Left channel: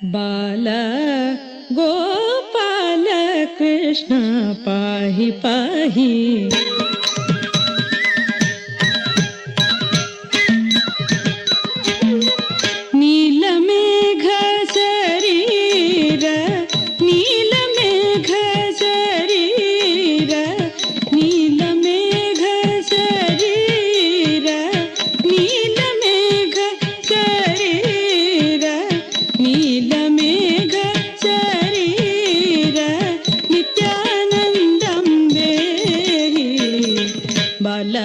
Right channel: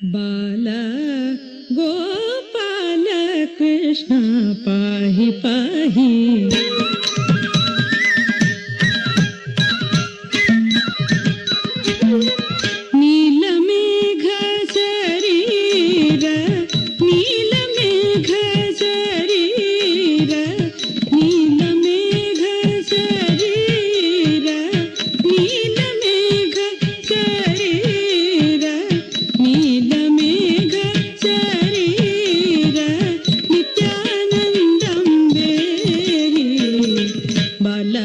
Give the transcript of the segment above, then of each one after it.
ಬಾಲ ಗೋಪಾಲ ಕೃಷ್ಣ ಪಾಹಿ ಪಾಹಿ. ನೀಲಮೇಘ ಶರೀರ ನೀಲಮೇಘ ಶರೀರ ನೀಲಮೇಘ ಶರೀರ ನೀಲಮೇಘ ಶರೀರ ನೀಲಮೇಘ ಶರೀರ ನಿತ್ಯಾನಂದಂ ದೇಹಿ ಬಾಲ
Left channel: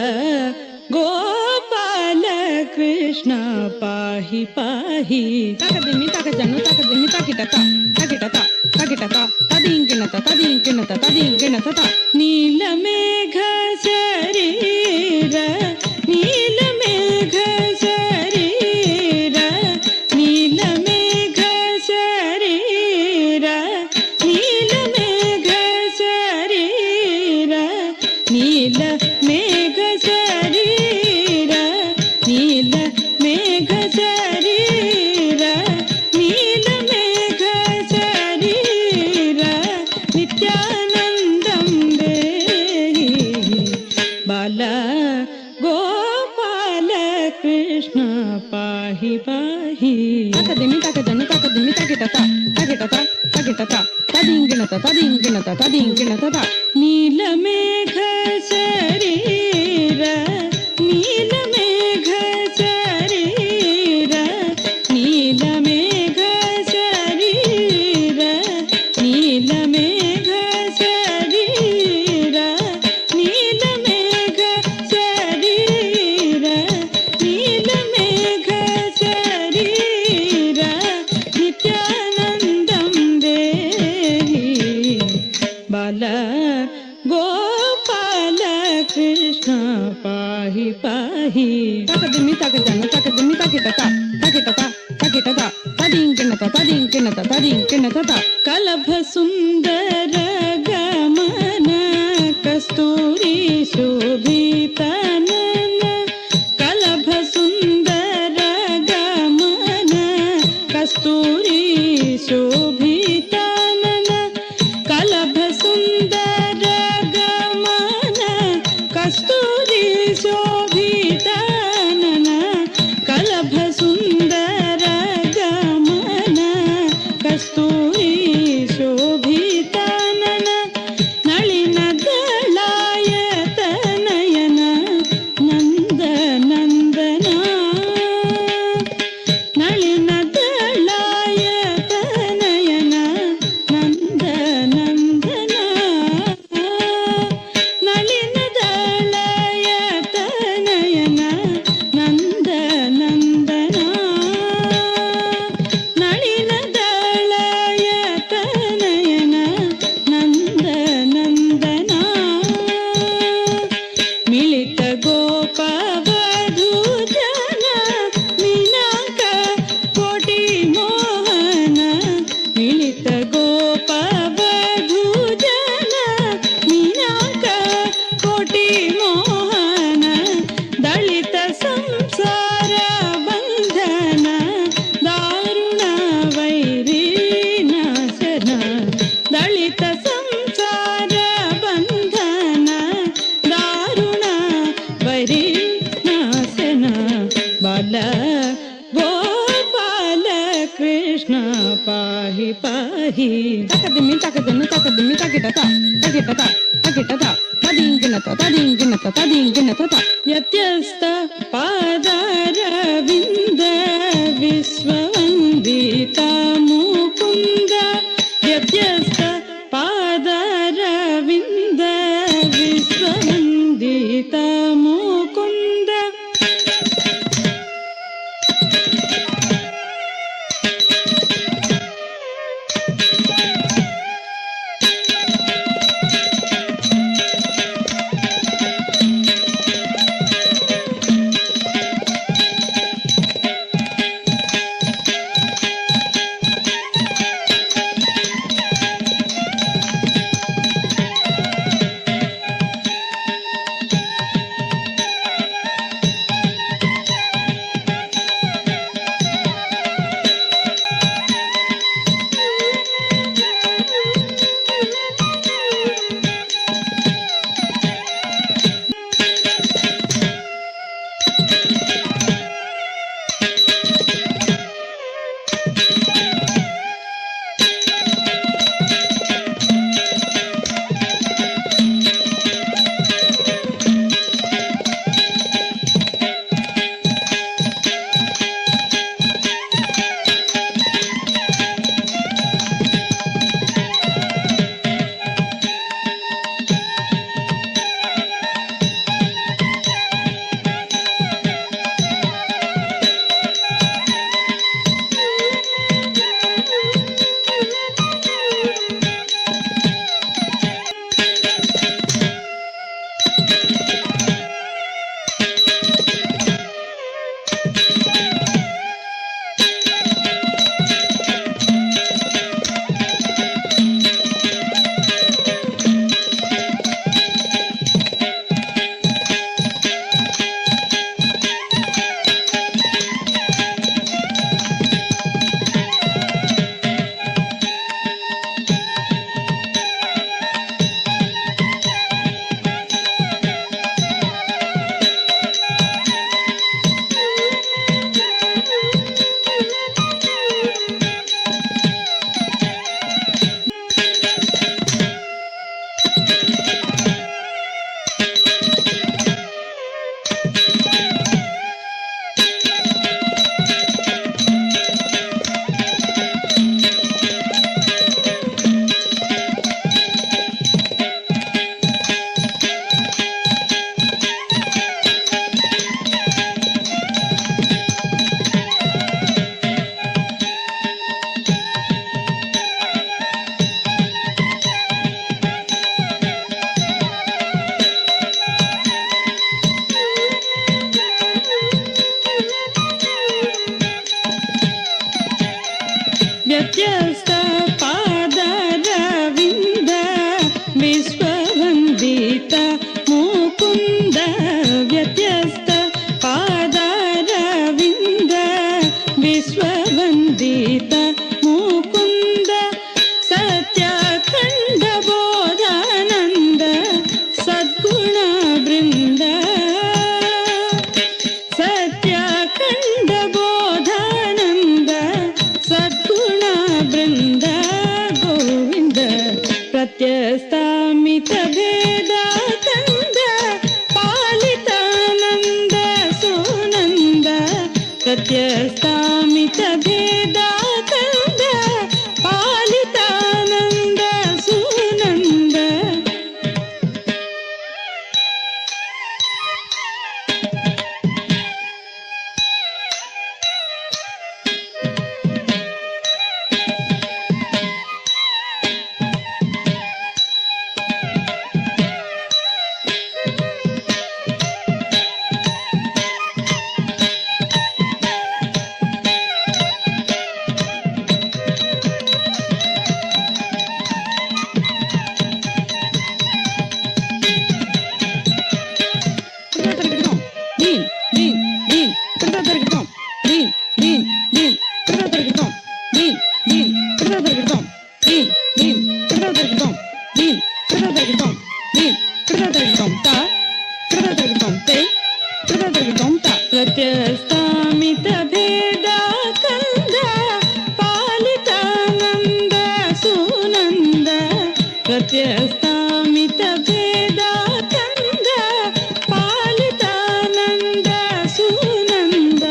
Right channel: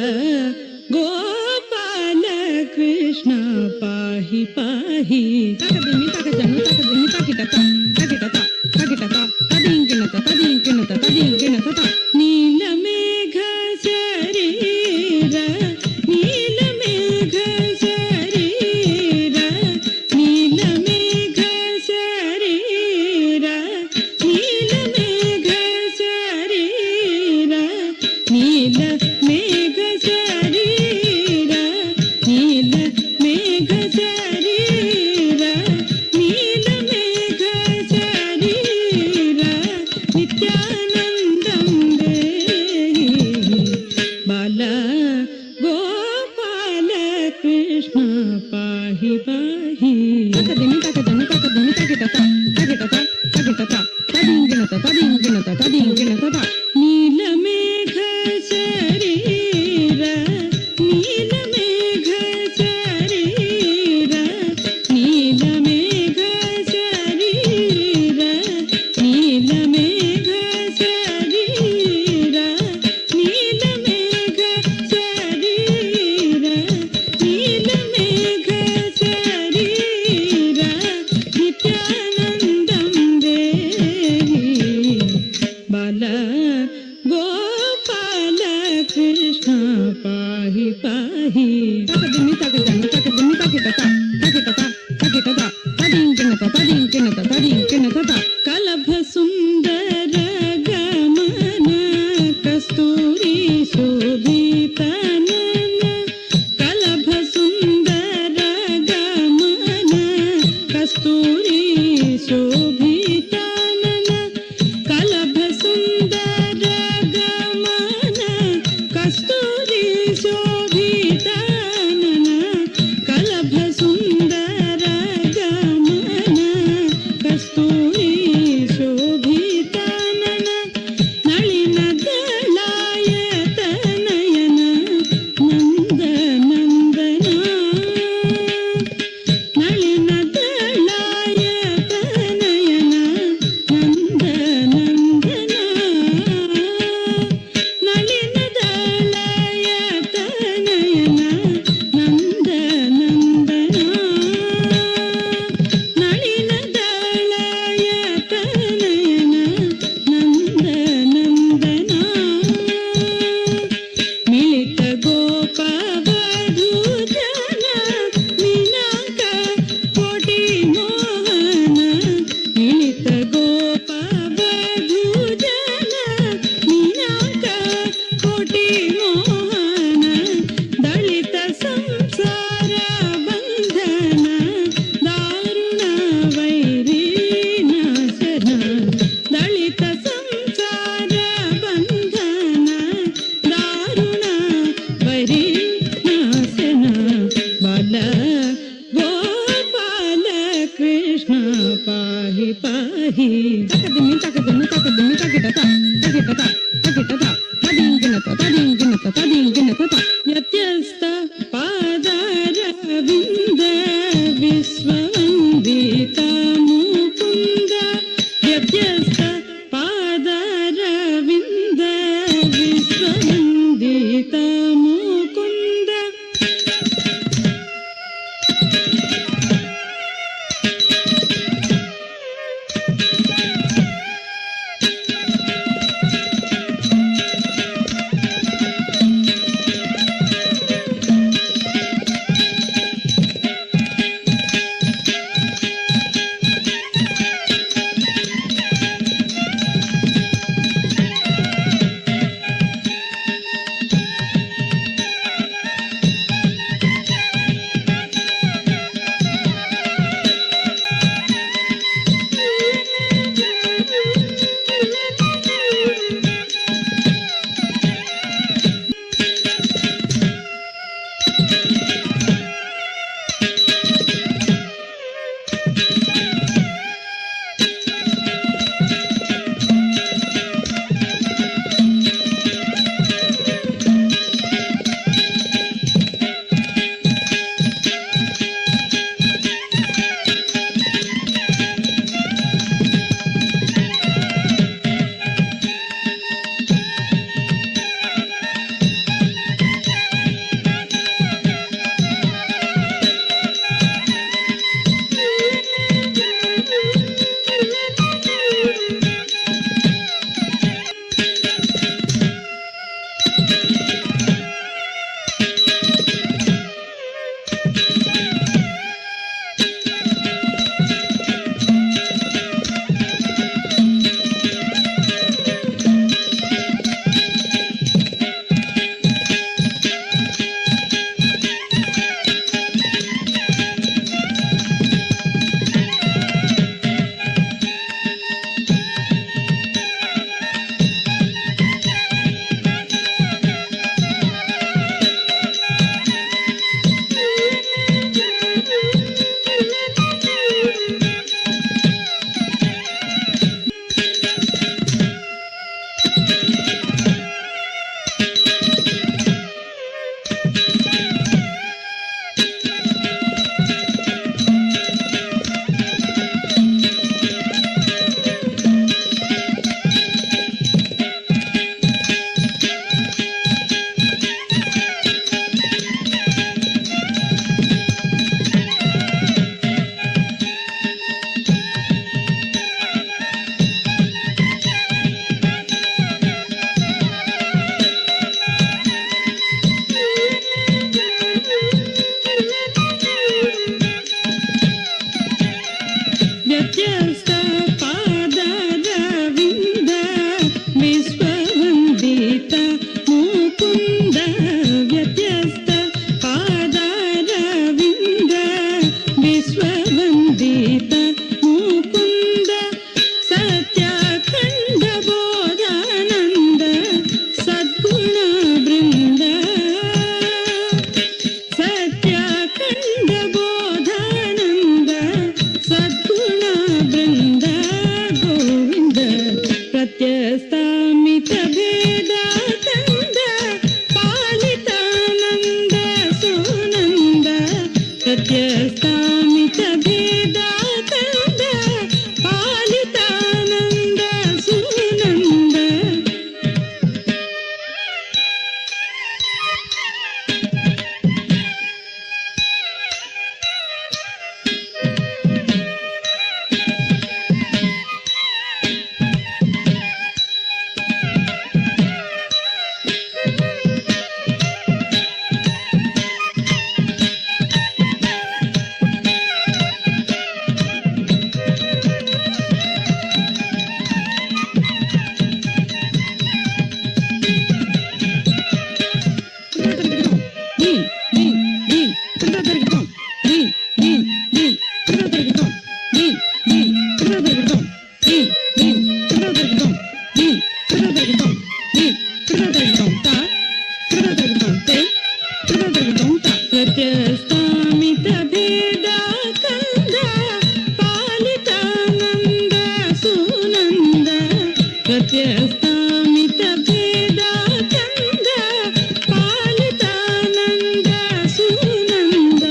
ಗೋಪಾಲ ಕೃಷ್ಣ ಪಾಹಿ ಪಾಹಿ. ತಕದಿಮಿ ತಕಜನ್ನು ತಕದಿಮಿ ತಕಿಟತ ತಕಿಟತ ತಕಿಟತ ತದಿಂಕಿಣತ ತದಿಂಕಿಣತ ತದಿಂಕಿಣತ. ನೀಲಮೇಘ ಶರೀರ ನೀಲಮೇಘ ಶರೀರ ನೀಲಮೇಘ ಶರೀರ ನೀಲಮೇಘ ಶರೀರ ನೀಲಮೇಘ ಶರೀರ ನೀಲಮೇಘ ಶರೀರ ನೀಲಮೇಘ ಶರೀರ ನಿತ್ಯಾನಂದಂ ದೇಹಿ ಬಾಲ ಗೋಪಾಲ ಕೃಷ್ಣ ಪಾಹಿ ಪಾಹಿ. ತಕದಿಮಿ ತಕಜನ್ನು ತಕದಿಮಿ ತಕಿಟತ ತಕಿಟತ ತಕಿಟತ ತದಿಂಕಿಣತ ತದಿಂಕಿಣತ ತದಿಂಕಿಣತ. ನೀಲಮೇಘ ಶರೀರ ನೀಲಮೇಘ ಶರೀರ ನೀಲಮೇಘ ಶರೀರ ನೀಲಮೇಘ ಶರೀರ ನೀಲಮೇಘ ಶರೀರ ನೀಲಮೇಘ ಶರೀರ ನಿತ್ಯಾನಂದಂ ದೇಹಿ ಬಾಲ ಗೋಪಾಲ ಕೃಷ್ಣ ಪಾಹಿ ಪಾಹಿ. ತಕದಿಮಿ ತಕಜನ್ನು ತಕದಿಮಿ ತಕಿಟತ ತಕಿಟತ ತಕಿಟತ ತದಿಂಕಿಣತ ತದಿಂಕಿಣತ ತದಿಂಕಿಣತ. ಕಲಭ ಸುಂದರ ಗಮನ ಕಸ್ತೂರಿ ಶೋಭಿತನನ ಕಲಭ ಸುಂದರ ಗಮನ ಕಸ್ತೂರಿ ಶೋಭಿತನನ ಕಲಭ ಸುಂದರ ಗಮನ ಕಸ್ತೂರಿ ಶೋಭಿತನನ ಕಲಭ ಸುಂದರ ಗಮನ ಕಸ್ತೂರಿ ಶೋಭಿತನನ ನಳಿನ ದಳಾಯತನಯನ ನಂದ ನಂದನ ನಳಿನ ದಳಾಯತನಯನ ನಂದ ನಂದನ ನಳಿನ ದಳಾಯತನಯನ ನಂದ ನಂದನ ನಳಿನ ದಳಾಯತನಯನ ನಂದ ನಂದನ. ಮಿಳಿತ ಗೋಪ ವಧೂಜನ ಮೀನಾಕ ಕೋಟಿ ಮೋಹನ ಮಿಳಿತ ಗೋಪ ವಧೂಜನ ಮೀನಾಕ ಕೋಟಿ ಮೋಹನ ದಳಿತ ಸಂಸಾರ ಬಂಧನ ದಾರುಣ ವೈರಿ ನಾಶನ ದಳಿತ ಸಂಸಾರ ಬಂಧನ ದಾರುಣ ವೈರಿ ನಾಶನ ಬಾಲ ಗೋಪಾಲ ಕೃಷ್ಣ ಪಾಹಿ ಪಾಹಿ. ತಕದಿಮಿ ತಕಜನ್ನು ತಕದಿಮಿ ತಕಿಟತ ತಕಿಟತ ತಕಿಟತ ತದಿಂಕಿಣತ ತದಿಂಕಿಣತ ತದಿಂಕಿಣತ. ಯತ್ಯಸ್ತ ಪಾದಾರವಿಂದ ವಿಶ್ವವಂದಿತ ಮುಕುಂದ ಯತ್ಯಸ್ತ ಪಾದಾರವಿಂದ ವಿಶ್ವವಂದಿತ ಮುಕುಂದ. ವ್ಯತ್ಯಸ್ತ ಪಾದರವಿಂದ ವಿಶ್ವವಂದಿತ ಮುಕುಂದ ವ್ಯತ್ಯಸ್ತ ಪಾದರವಿಂದ ವಿಶ್ವವಂದಿತ ಮುಕುಂದ ಸತ್ಯಖಂಡ ಬೋಧಾನಂದ ಸದ್ಗುಣ ಬೃಂದ ಸತ್ಯಖಂಡ ಬೋಧಾನಂದ ಸದ್ಗುಣ ಬೃಂದ ಗೋವಿಂದ ಪ್ರತ್ಯಸ್ತಾಮಿತ ಭೇದ ಕಂದ ಪಾಲಿತಾನಂದ ಸುನಂದ ಪ್ರತ್ಯಸ್ತಾಮಿತ ಭೇದ ಕಂದ ಪಾಲಿತಾನಂದ ಸುನಂದ ಪ್ರತ್ಯಸ್ತಾಮಿತ ಭೇದ ಕಂದ ಪಾಲಿತಾನಂದ ಸುನಂದ ಪ್ರತ್ಯಸ್ತಾಮಿತ ಭೇದ ಕಂದ ಪಾಲಿತಾನಂದ ಸುನಂದ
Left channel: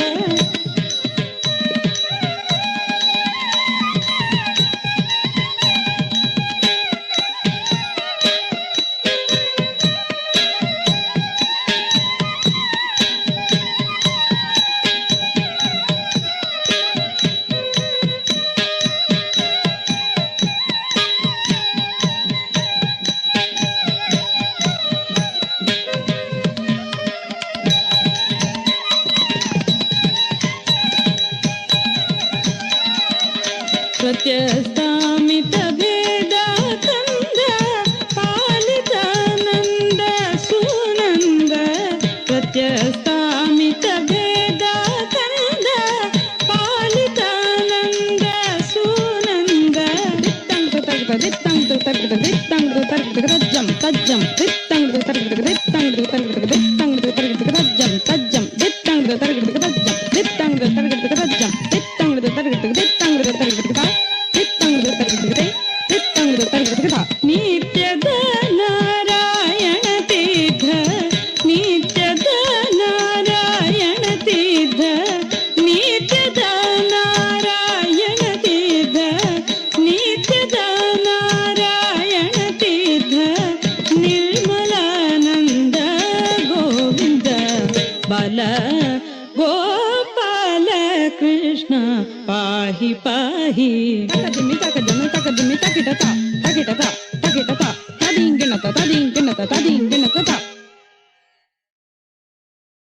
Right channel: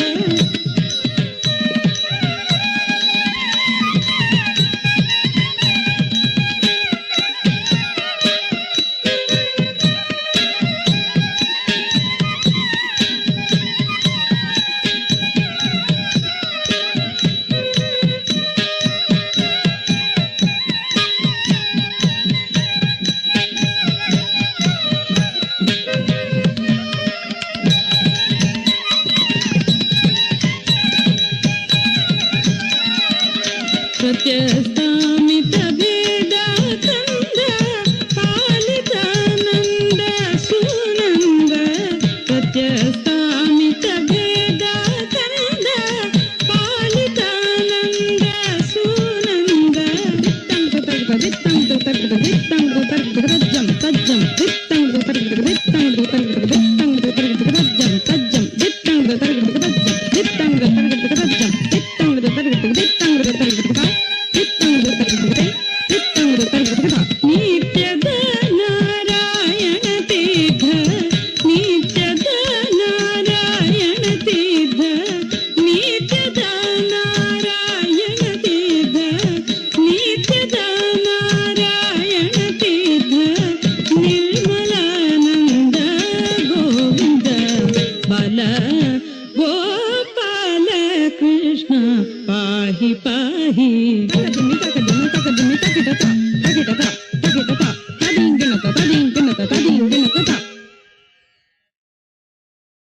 ಪ್ರತ್ಯಸ್ತಾಮಿತ ಭೇದ ಕಂದ ಪಾಲಿತಾನಂದ ಸುನಂದ ಪ್ರತ್ಯಸ್ತಾಮಿತ ಭೇದ ಕಂದ ಪಾಲಿತಾನಂದ ಸುನಂದ ದಿತ್ತಂಗ ತಜ್ಜಂ ತಜ್ಜಂ ದಿತ್ತಂಗ ತಜ್ಜಂ ತಜ್ಜಂ ದಿತ್ತಂಗ ತಜ್ಜಂ ದಿತ್ತಂಗ ಗೋಪಾಲ ಕೃಷ್ಣ ಪಾಹಿ ಪಾಹಿ ತಕ ದಿಮ್ಮಿ ತಕ ದಿಮ್ಮಿ ತಕ ದಿಮ್ಮಿ ತಕಿಟ ತಾ